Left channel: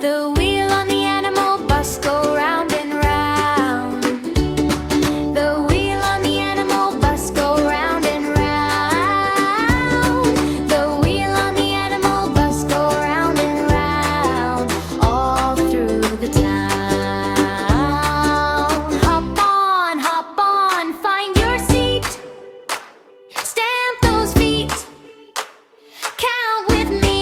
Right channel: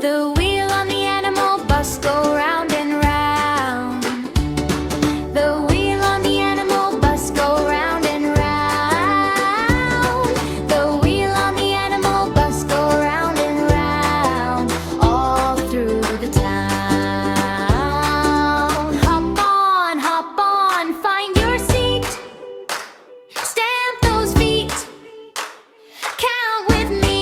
The wheel on the animal bus go round and round. The wheel on the animal bus go round and round. The wheel on the animal bus go round and round, all through the town. Hop on, find your seat. Stamp those feet. Count with me.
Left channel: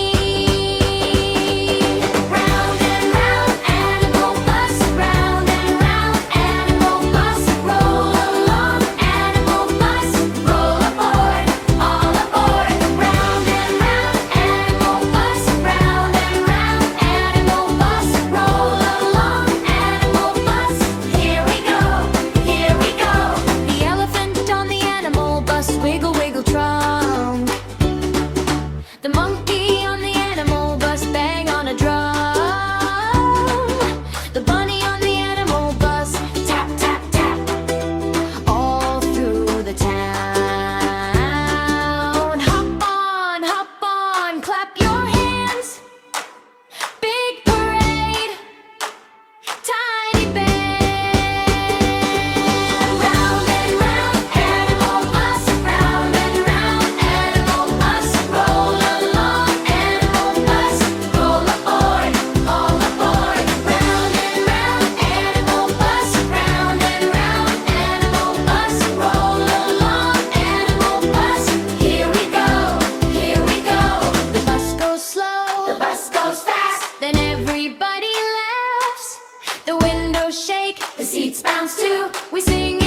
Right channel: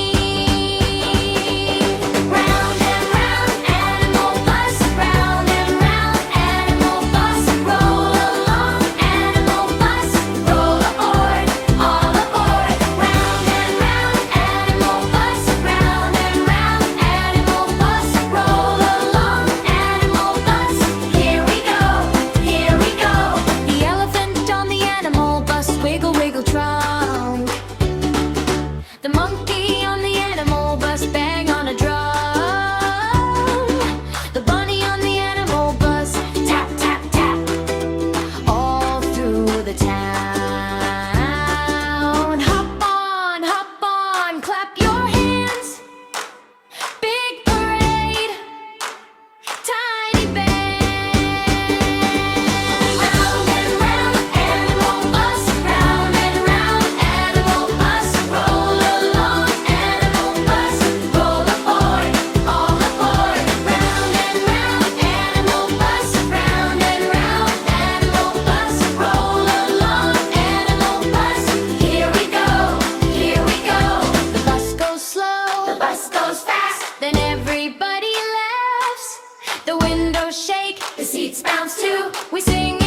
Round and round, animal bus. Round and round, animal bus. Roll along, animal bus. Roll aboard, all aboard. Round and round, animal bus. Round and round, animal bus. Roll along, animal bus. Here we go, here we go. The elephant on the animal bus, wiggle, wiggle, trunk. The monkey on the animal bus, bang on a drum. The bunny on the animal bus, tap, tap, tap, all through the town. Hop on, clap your hands. Big parade, tiny band. Round and round, animal bus. Round and round, animal bus. Roll along, animal bus. Roll aboard, all aboard. Round and round, animal bus. Round and round, animal bus. Roll along, animal bus. Here we go, here we go. The bus goes slow, the bus goes fast. Then everybody laughs. The windows shake, the seats bounce too. We sing